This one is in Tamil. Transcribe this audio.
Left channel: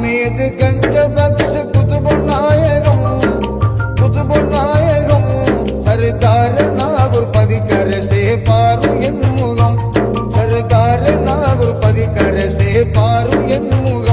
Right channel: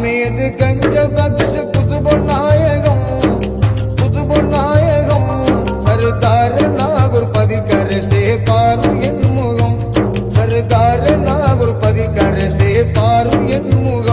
ஆமேது கஞ்ச பக்ஷ குதுபொன்னாயகம் சர்தார நாகூர் பதிக்கரசே பாரு என் முகம் சர்தார நாகூர் பதிக்கரசே பாரு என் முகம்